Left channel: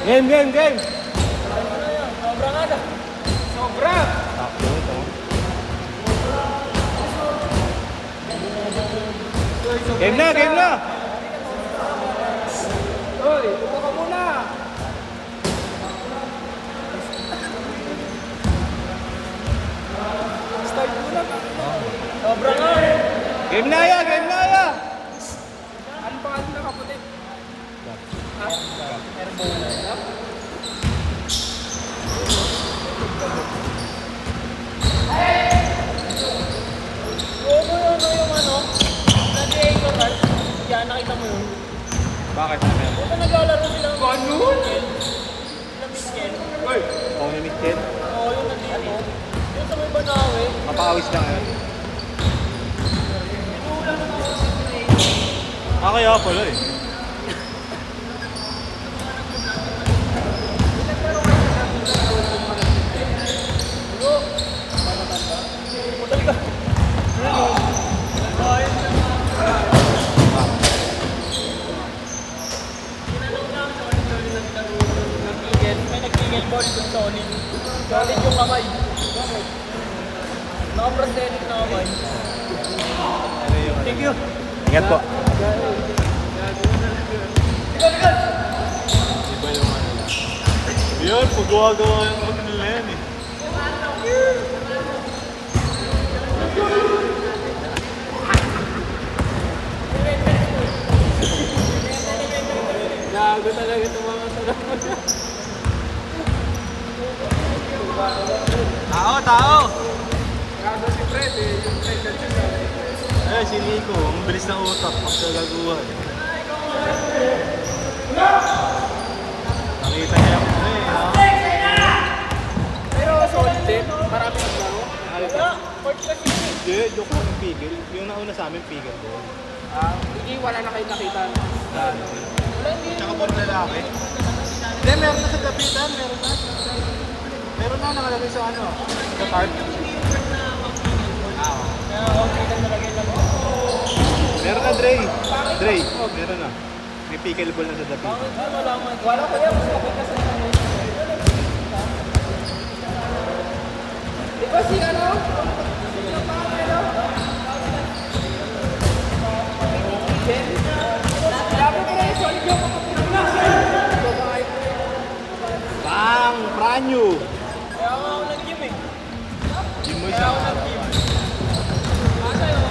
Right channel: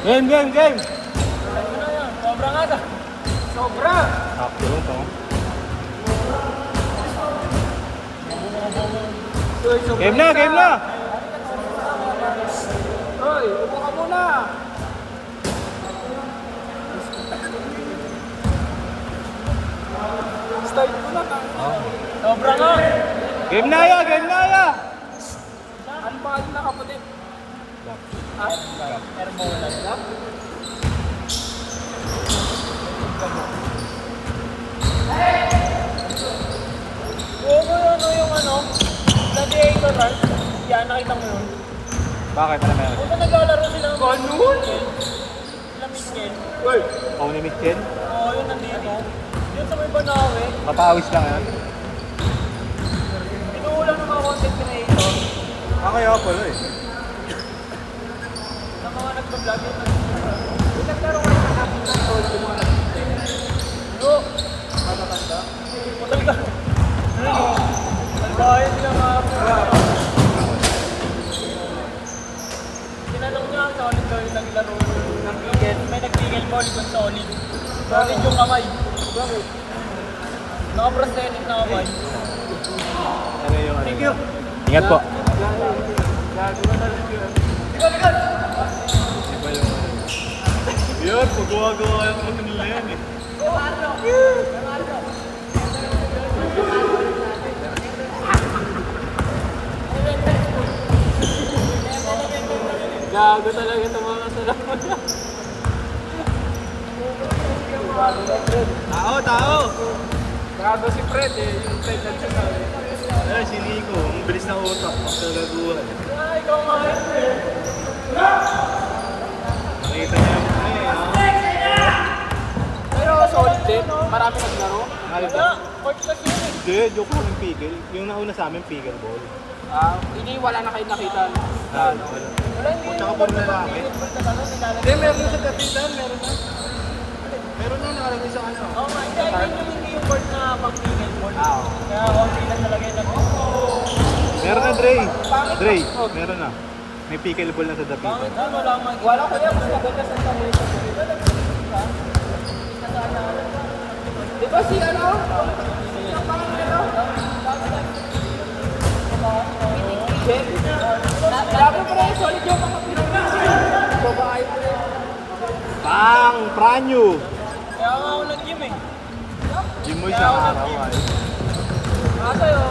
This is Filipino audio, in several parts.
Game, game, game! Sobra nga na. Sobra! Game na, game na! Hoy, upo ka muna! Start muna ka. Sobra nga! Game na ya, game na ya! Ano pa na kapatid? Ha? Herbola. Bakit? Ano naglalaro nila? Ganun? Ilang miskel? Uy! Ikaw na Mitchell? Oo, yun nandito. Yung sa may Banawe. Napawis lang yan. Inuulan ng mga kasi. Okay, ako pala eh. Sa mga nag-vlog. Bro, matatanda. Madali ka. Bayad na mga. Lalong na sa ulit na naglalaro. May nagtigil ko ulit sa ulit. Solid yung kamay. Bakit? Nakaprosthetic na kamay. Thank you. Ingat po. Yun, paggawa-gawa yung mga nila yan eh. Gago talaga ito mga Tao, tao! Gago si Fred eh. Yung Fred na siya. Ay, si Nico. Ang bilis ng utak sa laguan. Ay, ikaw nga. Nakita niya naman eh. Pero solid din. Marami naglaro. Wala. Court kasi yun eh. Hindi, joke yung pigil. Yung nauna sa amin, pigil ko. Hindi, wala na kayo nakita. Tsaka puro lalaki. Hindi, meron sa kapitan, meron na. Meron na nakalagay sa ano. Sa card. Hindi yung court na pang-pigil. Oo. Kaya okay na talaga yun. Meron na, Dre. Dre, meron na. May pickleball na sa dapitan. Wala ko yan. Mas maganda sa kanila. Di ba si ano? Jen? Labo ko na yung solid yung babae ko rin. Ang pranyo. Kaya ako nag-gym eh. Yung mo siya. Kasi ano?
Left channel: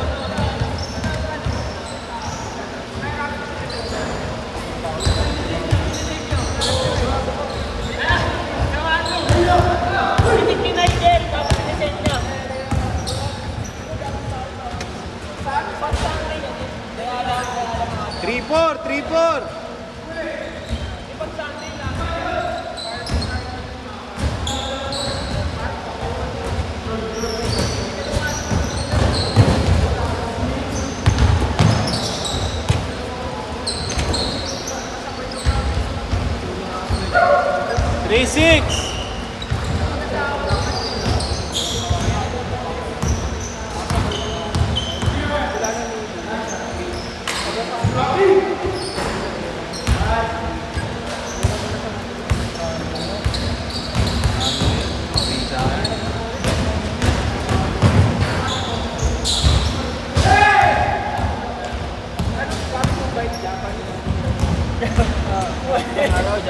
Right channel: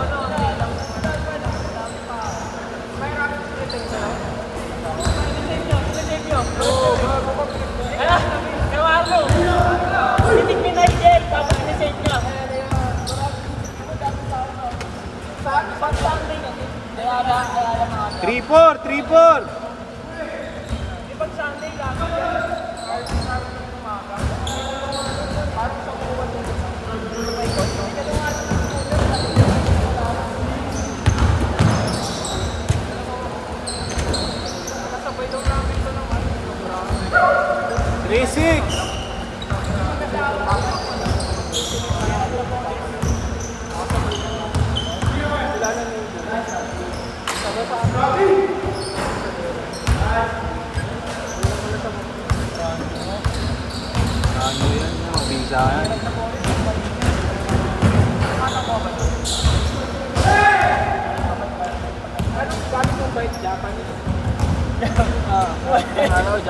Three-four, three-four. Three-six.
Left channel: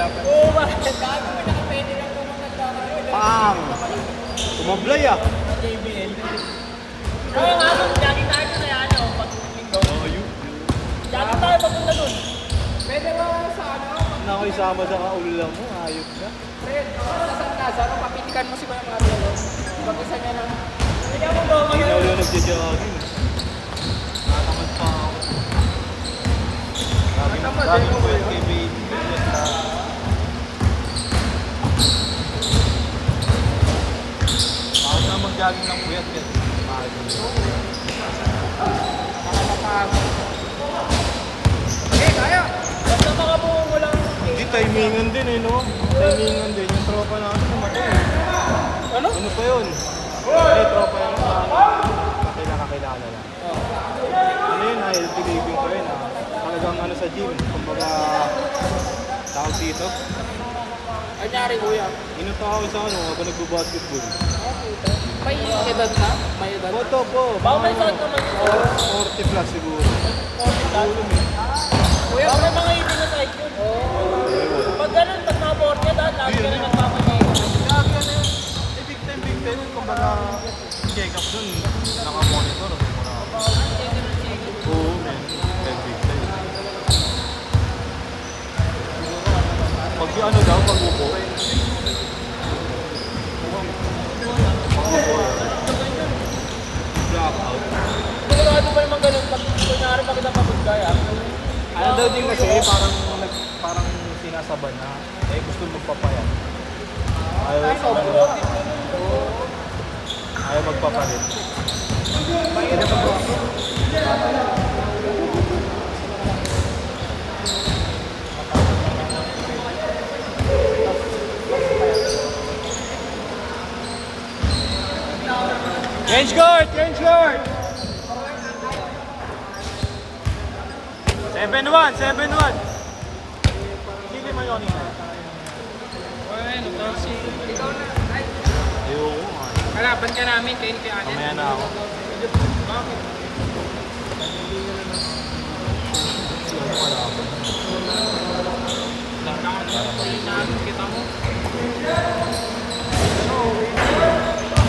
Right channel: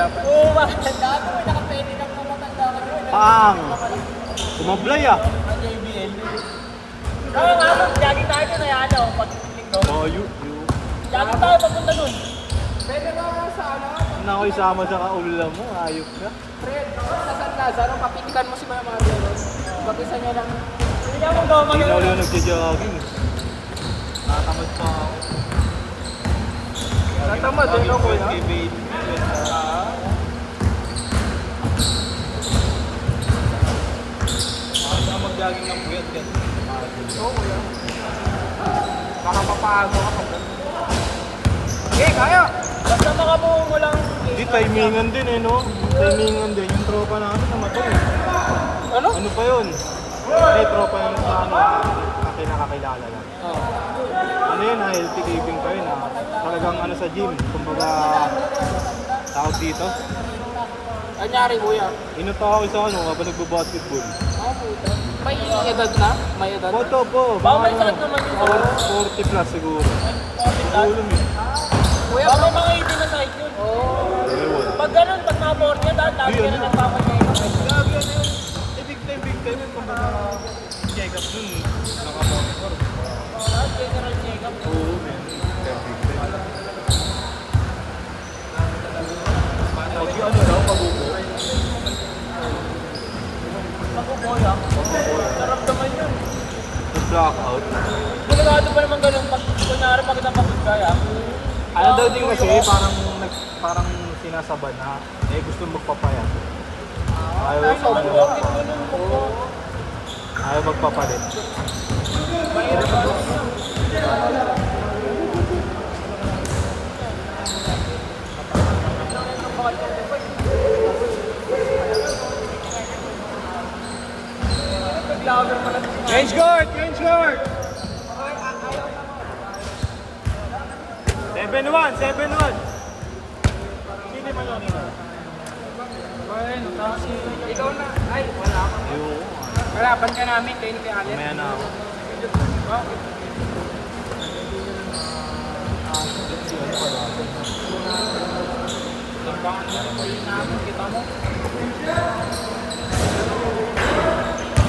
Oo, bakit? Gago, may nakapwede na pumunta sa Pang. Sumublay ah. JBL. Kaya nga, jogging tayo na yan. Oh, you. Jogging tayo papunta dun. Pwede nga sa ano? Ano ako isama sa kaulam mo? Ayok na. Fred, nasan ka? Saan mo papitikan mo si Kuya Mario? Mag-isa niya lang. Hindi mo ba Hindi na ulit nagsijogging. Natamad pa ako. Natamad, Sabi ano ko ba kay baby. Ako na mag-jogging ng puyat din. Baka mapaano. Sige, kaya! Basta baka mo walang... Hindi, timingan din eh, no? Timingan din. Yung tropa namin namatay eh. Ano? Ano ba yun? Hindi, tropa yung namatay nakakailangan. Ano yun, healthy living ko yun. Talagang ano sa gym. Kumbaga, tawag dito. Kanyari kuya. Inuto ako sa ano kapag nagbo-basketball. May edad na? May edad? Oto po. Baka may sakit naman yun sa 40 plus siguro. Kuya, baka may mga ibig na side yun. Pag ganun, pag mga 40, dahil lagi ka na nagpapagay. Gagi ano yun? Eh, big time. Kumbaga, check up dun. Nakamonitor. Oo, man. Kasi ano lang, pag-upo. Blackout. Delikado pa naman ganun pag kunwari makita pagkaya. Ano daw din kasi, parang sinasabad na. Eh, gusto magpapayat. Ayaw magpapalit. Change guard! 7-1! Hindi naman ako nila. Kalaban ka namin, kayo ni Allen. Ayan na ako. Okay. Langgangan na yung play namin, kita mo.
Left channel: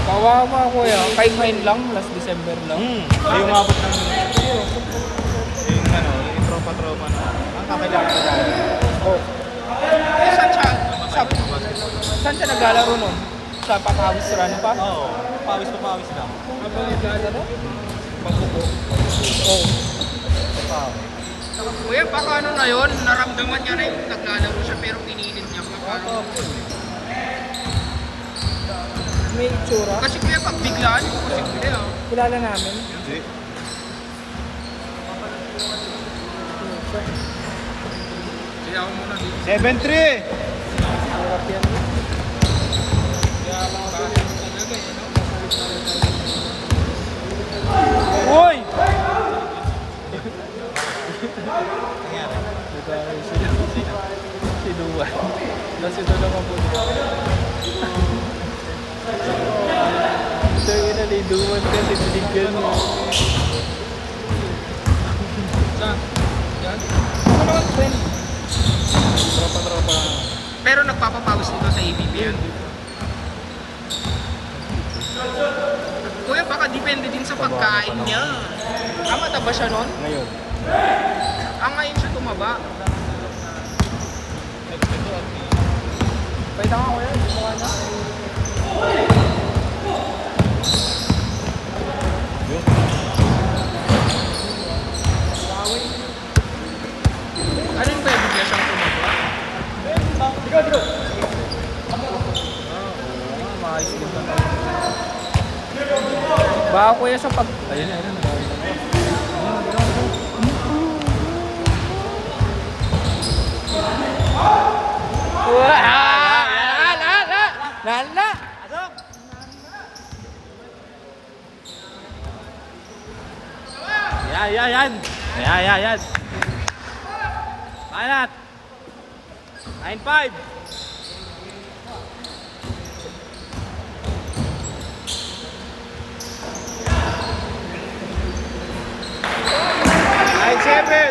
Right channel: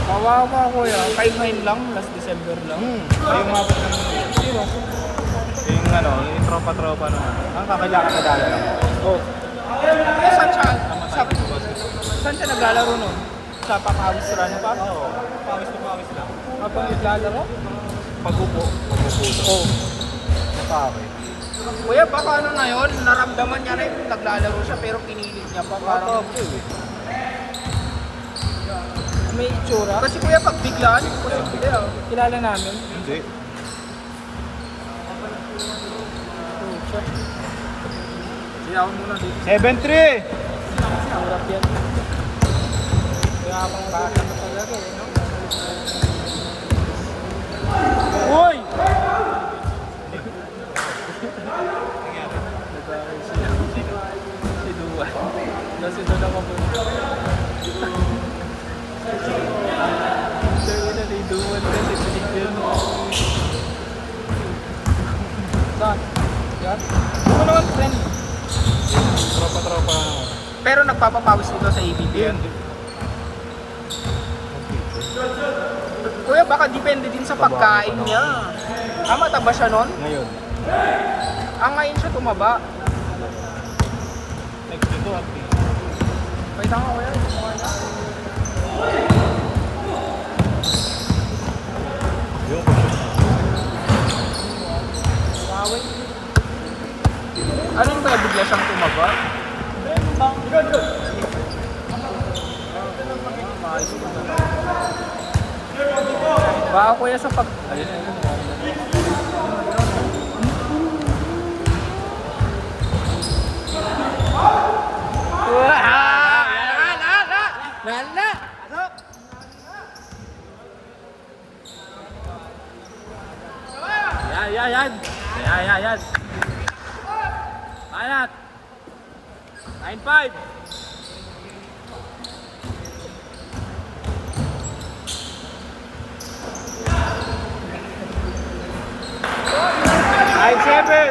Kawawa kuya, 5-9 lang, last December lang. Ayaw mabot ng yung ano, yung tropa-tropa na. Ang kakailangan na Oh. Saan siya? namatay. Saan siya naglalaro nun? Sa pang-awis sa ano pa? Oo. Pawis na. Habang naglalaro? Pag-upo. Oo. Pawis. Kuya, baka ano na yun, naramdaman niya rin naglalaro siya pero pinilit niya pa parang... May itsura? Kasi kuya, pag biglaan, posible ah. Kilala namin. Hindi. Kaya ako muna dito. 7-3! Sarap yan. Kaya ako bata mo talaga eh, no? Hoy! Saan? Yan? Ano naman trend? Pero nagpapapagos dito sa ABB yan. Kuya, baka depende din sa pagkain niya. Mataba siya nun? Ngayon. Ngayon siya tumaba. Wait lang ako. Ano yung may bigla siyang tumaba? Baka kuya sa pag... Lala! Yan. Anat. 9-5.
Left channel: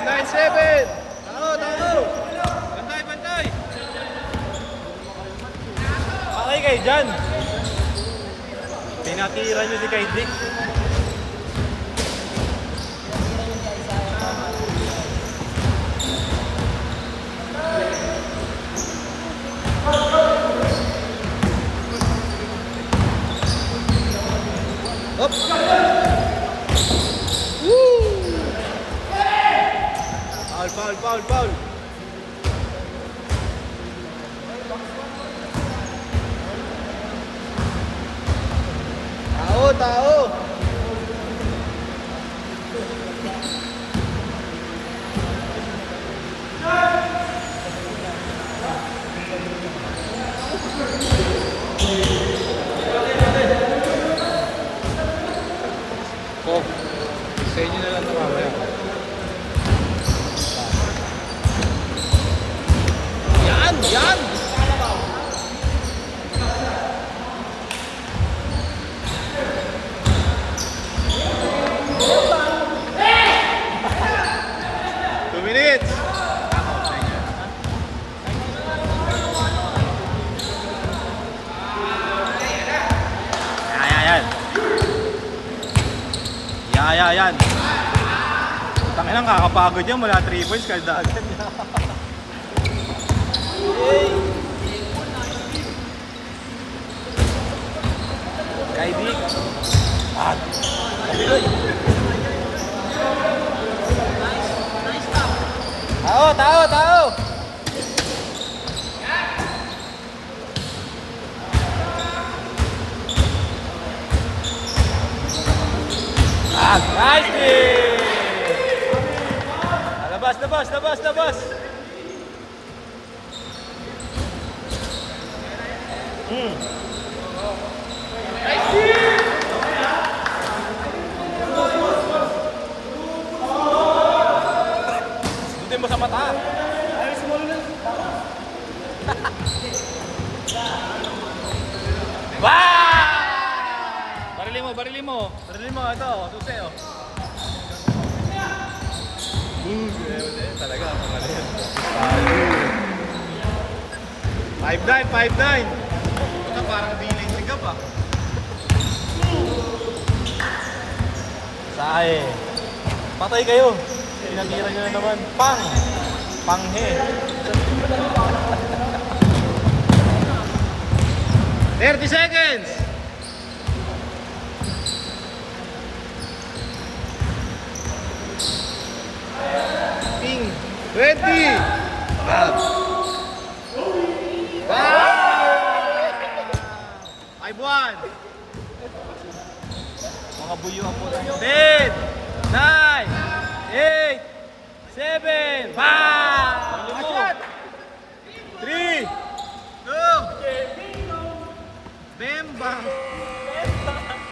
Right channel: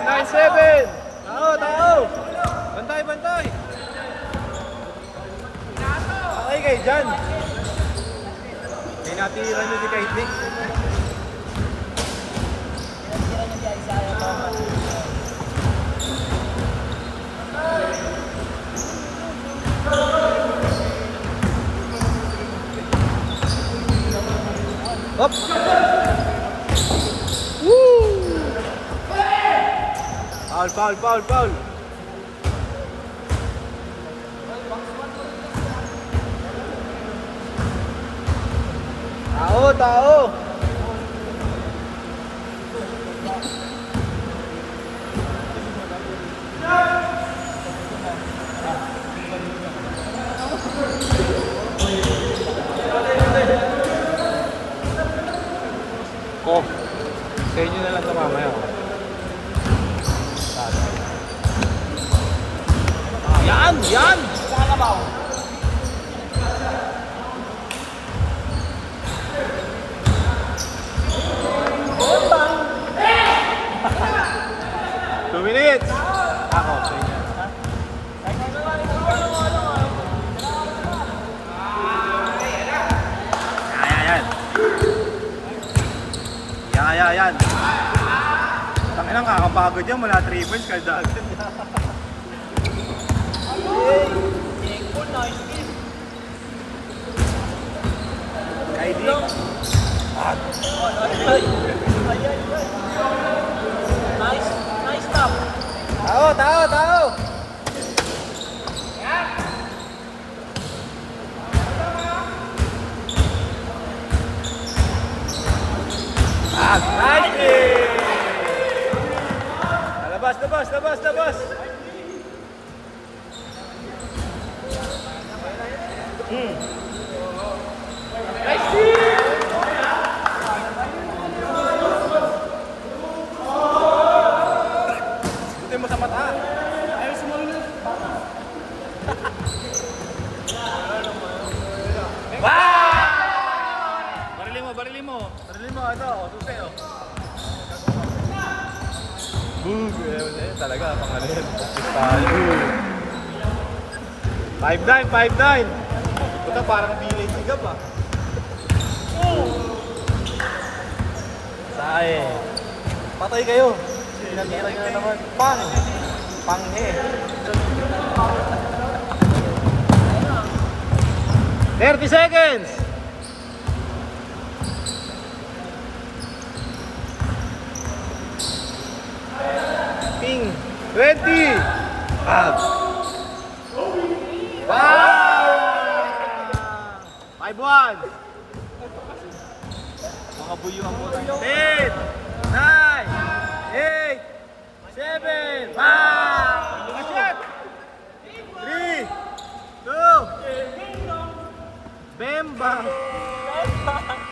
Nine seven. Tao. Bantay. Okay kayo dyan. Pinatira nyo si Kaiti. Up! Foul. Tao! Oh, sa inyo na lang ito mamaya. Yan! card agad. Nice stop. Tao. Labas. Hindi mo sa mata. Ayaw sumalo na. Barili mo. Ito, tuti oh. Talaga, pangalan. 5-9. Puta, parang di may bigab ah. Sae. Patay kayo. Pinagkailan nyo na naman. Panghe. 30 seconds! Ping! 20! Wow! 5-1!